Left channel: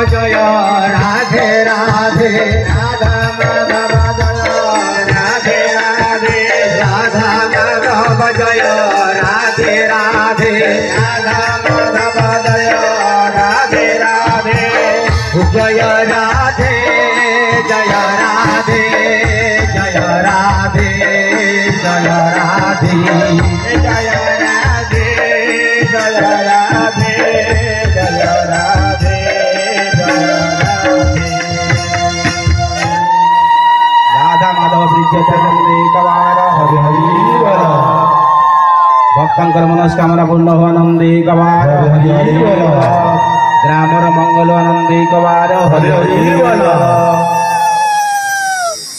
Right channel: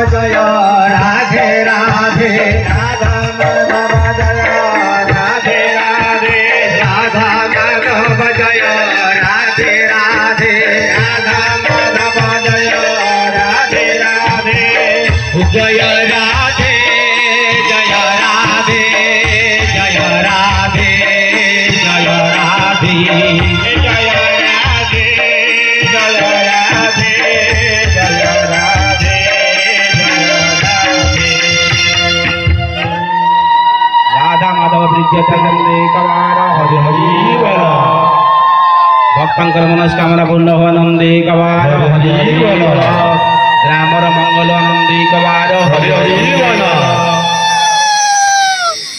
जय राधे राधे राधा माधव जय राधे राधे राधा माधव जय राधे राधे राधा माधव जय राधे राधे जय राधे जय राधे जय राधे जय राधे जय राधे जय राधे जय राधे राधा माधव कवार हरि हरि बोल भक्तंकर मनस्कामना पूर्ण हो नंदी कवार हरि हरि बोल ग्रामर मंगल नंदी कवार हरि हरि बोल।